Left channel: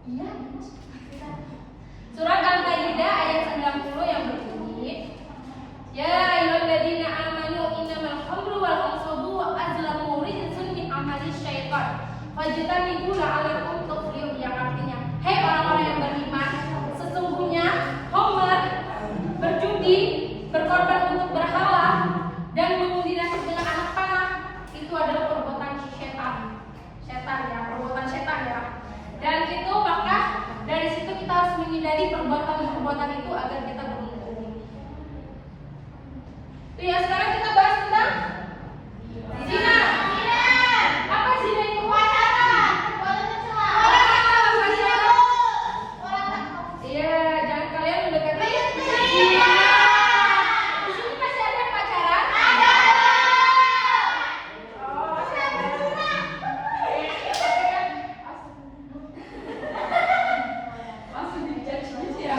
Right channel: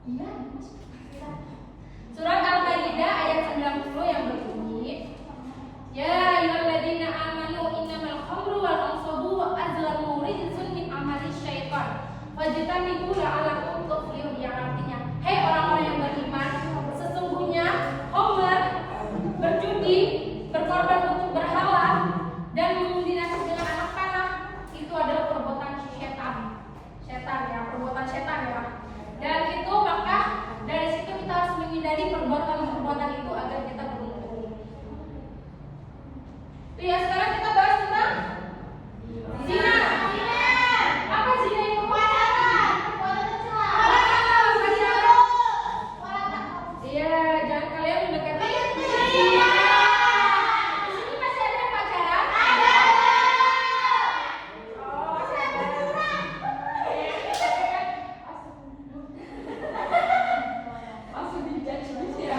Iya, Surat Al-Maidah ayat 90 yang berbunyi, Ya ayyuhalladzina amanu innamal khamru wal ansabu wa azlamu rijsun min amali syaitan fajtanibu la'allakum tuflihun, yang artinya, hei orang-orang yang beriman, sesungguhnya khamr, berjudi, berkorban untuk berhala, dan mengundi nasib dengan anak panah itu adalah perbuatan setan ya, perbuatan setan ya. Dan itu maka dari situ kita harus menghindari perbuatan itu agar kita beruntung. Ya, sekarang kita bahas tentang zina. Apa zina itu? Iya, jangan kalian mendekati zina. Di sini masih ada yang pacaran? Ada. Langsung dijudge ya.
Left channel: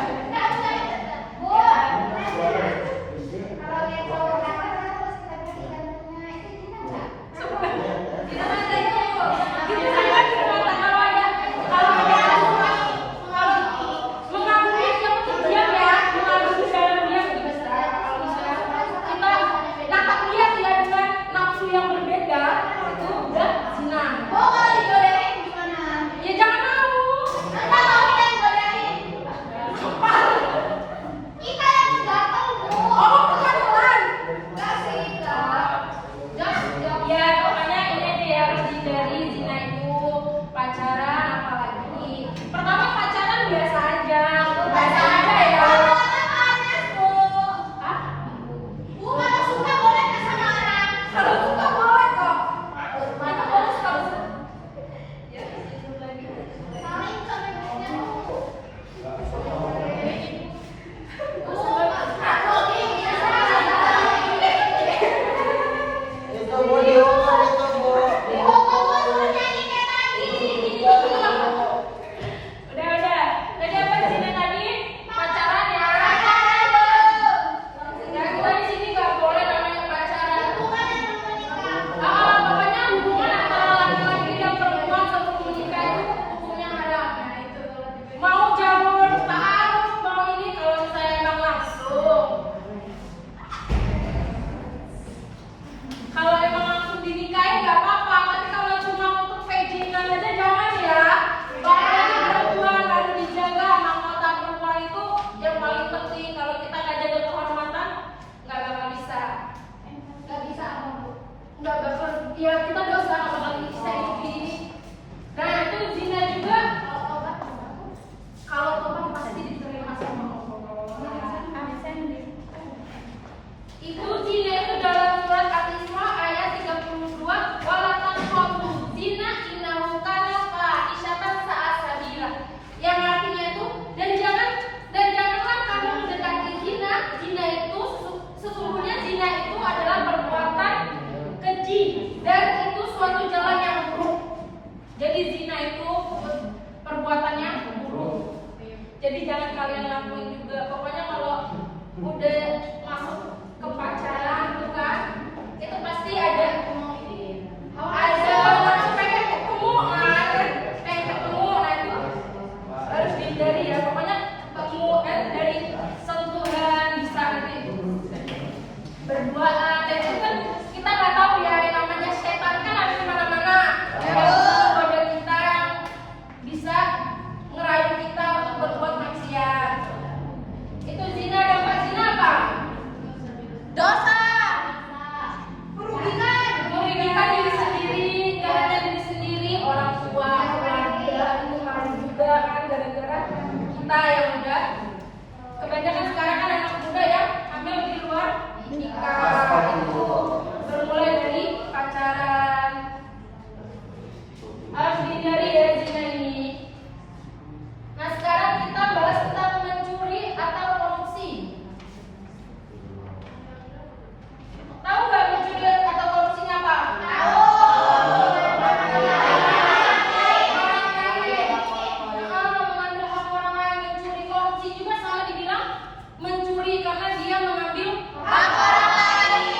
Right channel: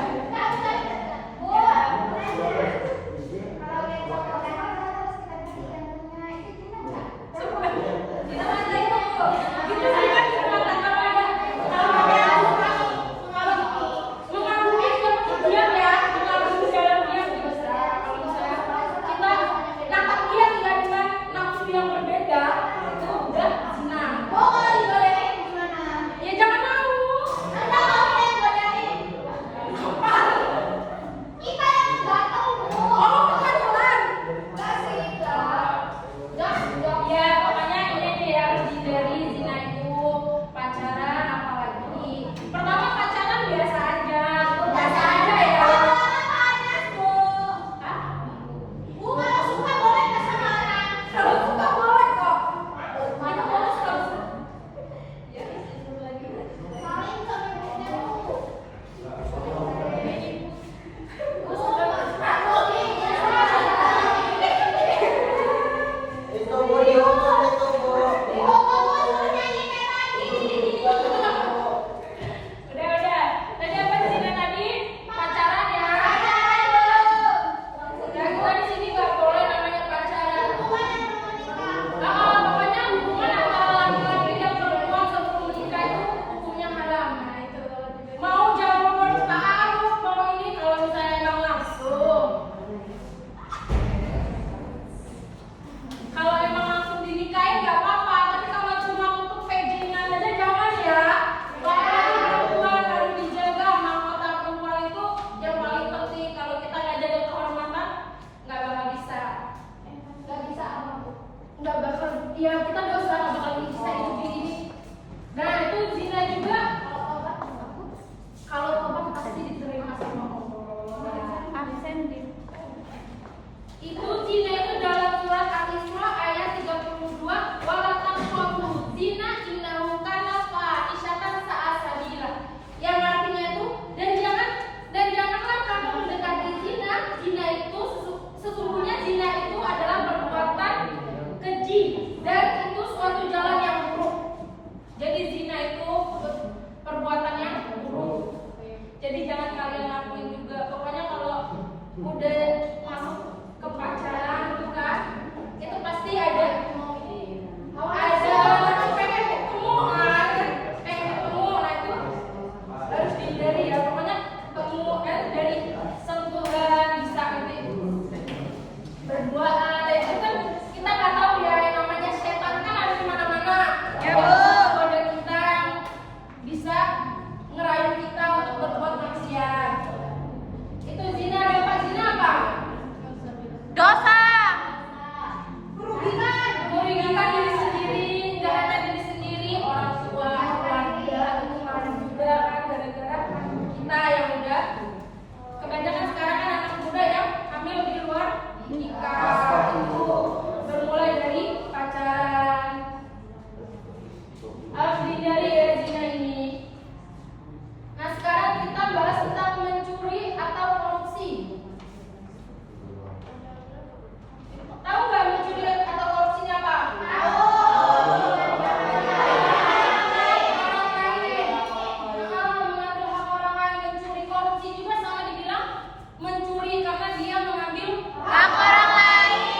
Ya kita dosa nggak bakal bisa hidup ini. Nah itu zina juga. Kalau tobat pasti diterima sama Allah. Itu zina itu dalam surat Al-Isra ayat 32. Wala taqrabu zina innahu kana fahisyatan sa'a sabila. Yang artinya itu dan janganlah kamu mendekati zina. Zina itu sesungguhnya zina itu adalah perbuatan keji dan itu suatu jalan yang buruk. Jadi zina itu perbuatan yang buruk. Jadi jangan kalian lakuin juga. Pokoknya kalau udah masuk ke pacaran itu kan, itu pasti ada pengen ketemu, nah itu harus dihindari ya. Pokoknya ketemu dari sentuhan bisa nanti berduaan. Dan itu kan kita nggak tahu ya, yang namanya setan kan ada di mana-mana. Pada kita yang bisa ngerayu kita untuk berbuat maksiat. Itu zina. Dapat zina apa? Dosa. Merugikan diri sendiri, gak hanya diri sendiri, orang tua, keluarga, lingkungan juga kan, gara-gara kita yang udah kebanyakan sekarang kan anak muda yang hamil di luar nikah. Itu bermulai dari pacaran. Harus dihindari ya zina ini. Nah sekarang kita bahas tentang mencuri atau korupsi. Tahu nggak mencuri atau korupsinya apa? Tahu. Mengambil hak orang lain, mencuri. Korupsi juga sama dibilang mencuri karena dia mengambil hak orang lain.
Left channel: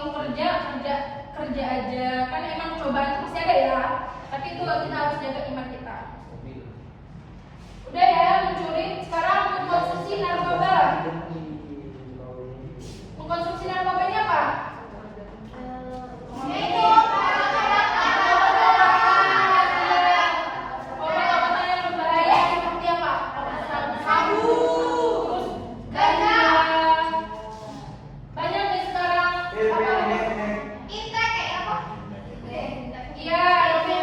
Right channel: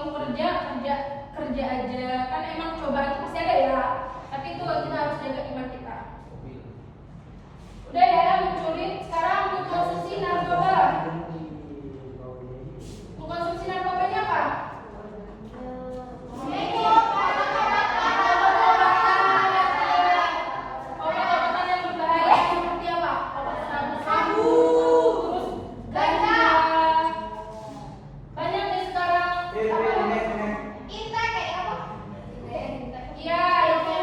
mau kerja aja kan emang cobaan itu pasti ada ya, tapi itu kita harus jaga iman kita. Udah ya mencuri, sekarang mengkonsumsi narkoba. Mengkonsumsi narkoba ini apa? Obat-obatan yang berbahaya seperti apa? Obat sabu, terus ganja. Banyak nih sekarang. Iya itu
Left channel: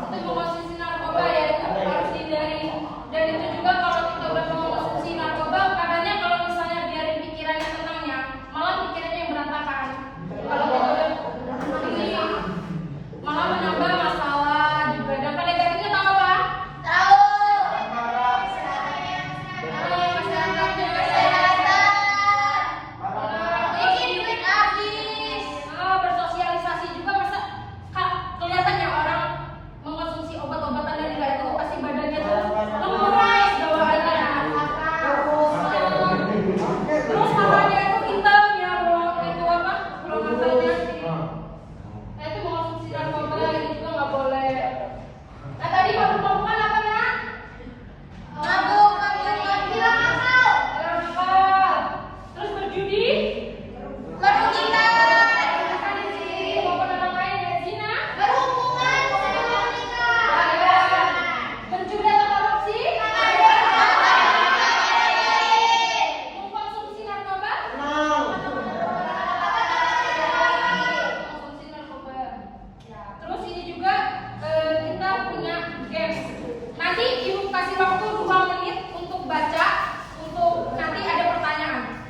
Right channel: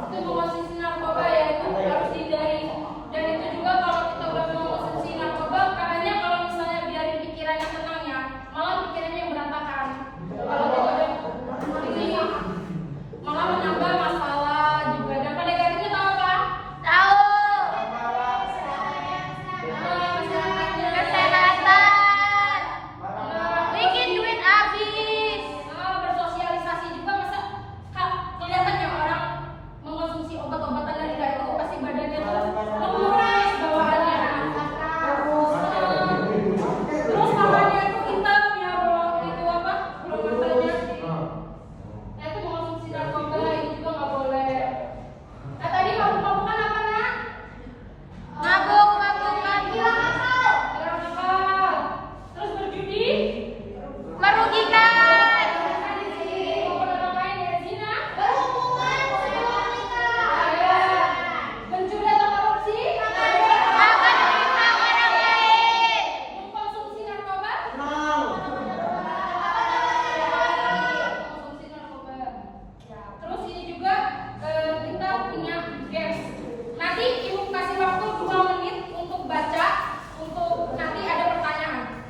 mengkonsumsi narkoba ya, itu harus dihindari. Dan itu juga kalau kita udah mengkonsumsi narkoba, katanya kalau misalnya biarin pikirannya tenang ya, malah pikirannya yang berantakan. Kalau kita udah ini malah menambah masalah juga. Dan pada negatifnya tahu apa? Bersosialisasi juga, masa kelihatannya orang mengkonsumsi obat-obatan dari itu pasti badannya tuh lemes bawaannya. Terus matanya itu hitam ya, itu apa? Kalau matanya itu mengkonsumsi narkoba itu juga nggak boleh. Nah tadi mabuk-mabukan apa nak? Nakal. Terus berjudi? Pencuri atau korupsi? Mengkonsumsi narkoba? Mengkonsumsi narkoba. Ya, terus ini juga kita punya games. Nanti ibu kasih waktu 2 menit untuk baca, untuk nanti ada pertanyaan.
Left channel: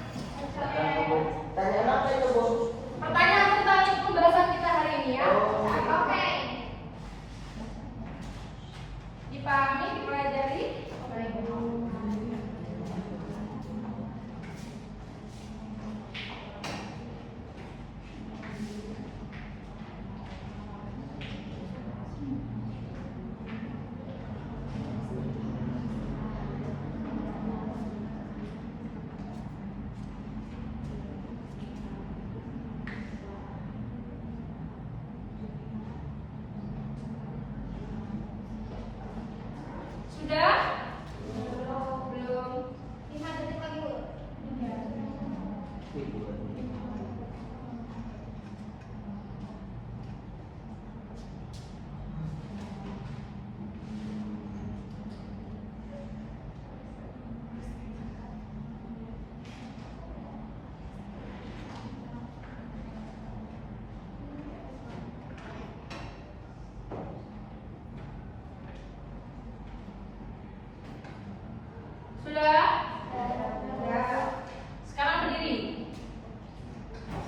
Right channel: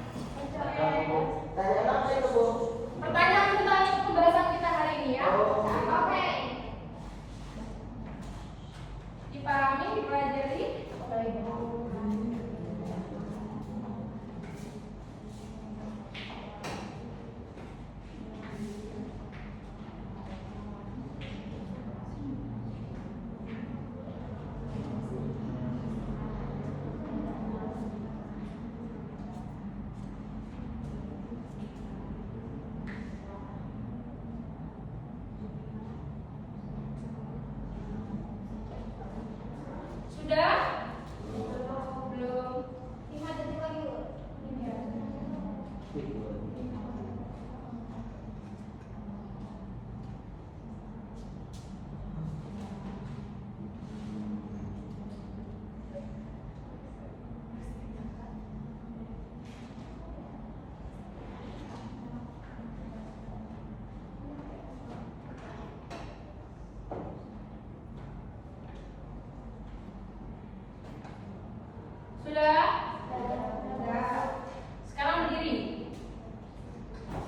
Pertanyaan tentang pembahasan kita hari ini ya. Oke. Dipahami, dipelajari. Sudah? Belum. 5 detik lagi, Bu. Sudah? Sekarang berdiri.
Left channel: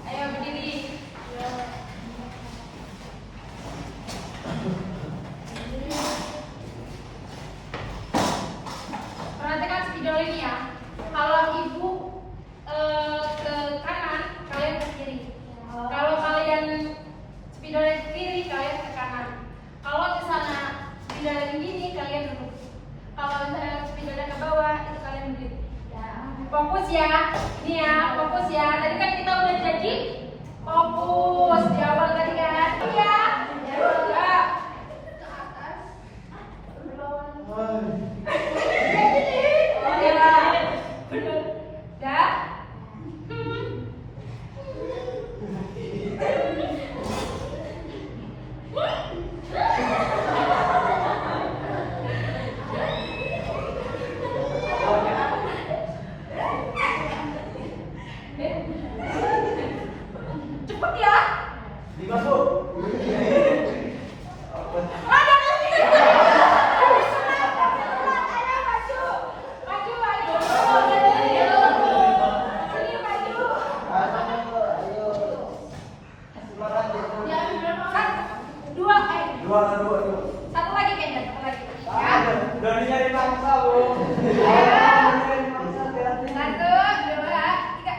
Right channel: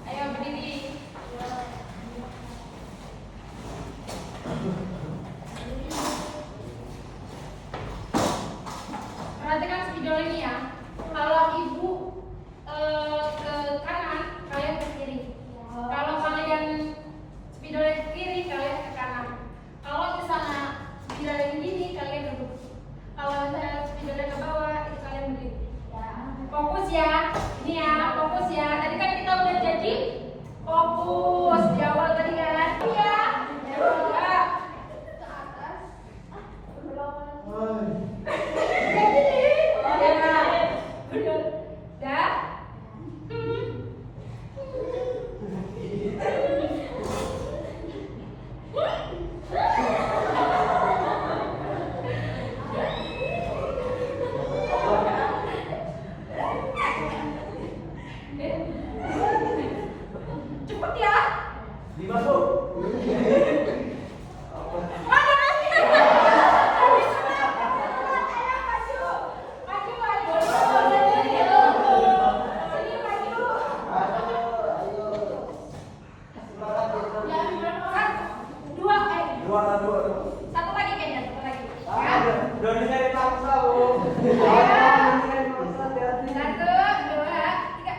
Ayo berdiri. Perhatikan spidol ini ya. Kalau ibu ke kanan, kalian ke kiri. Kalau kalian spidolnya ke kiri, kalian ke kanan. Kalau di sana spidolnya gini, kalian duduk. Kalau misalnya spidolnya ke bawah, itu kalian berdiri. Fokus ya, ini ya, fokus ya. Tadi kan kita udah janji fokus di awal tadi kan. Iya. Ya. Ke atas. Ya. Benar. Dah. Cepet ya. 5 Bu. Satu lagi kayaknya, satu lagi. Ya. Udah nyari paksa, Bu. Satu, dua, tiga.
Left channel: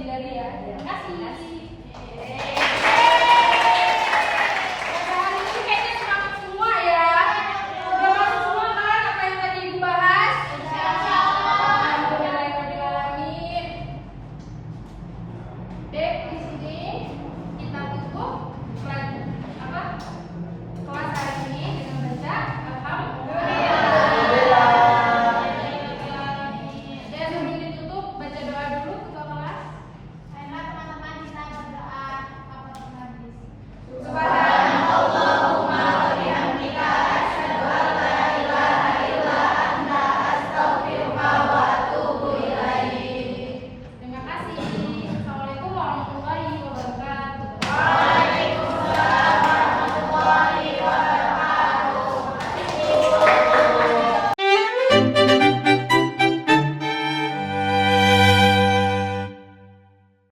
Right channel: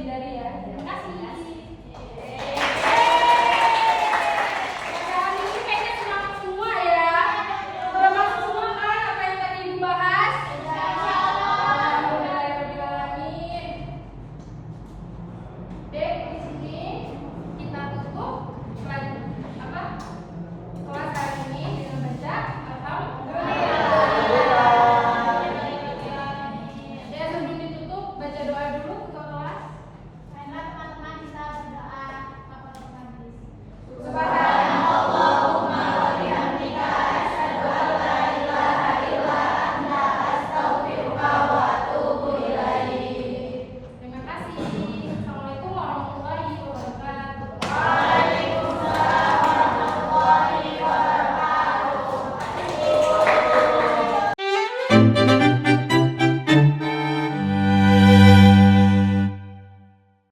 dihindari ya. Terima kasih.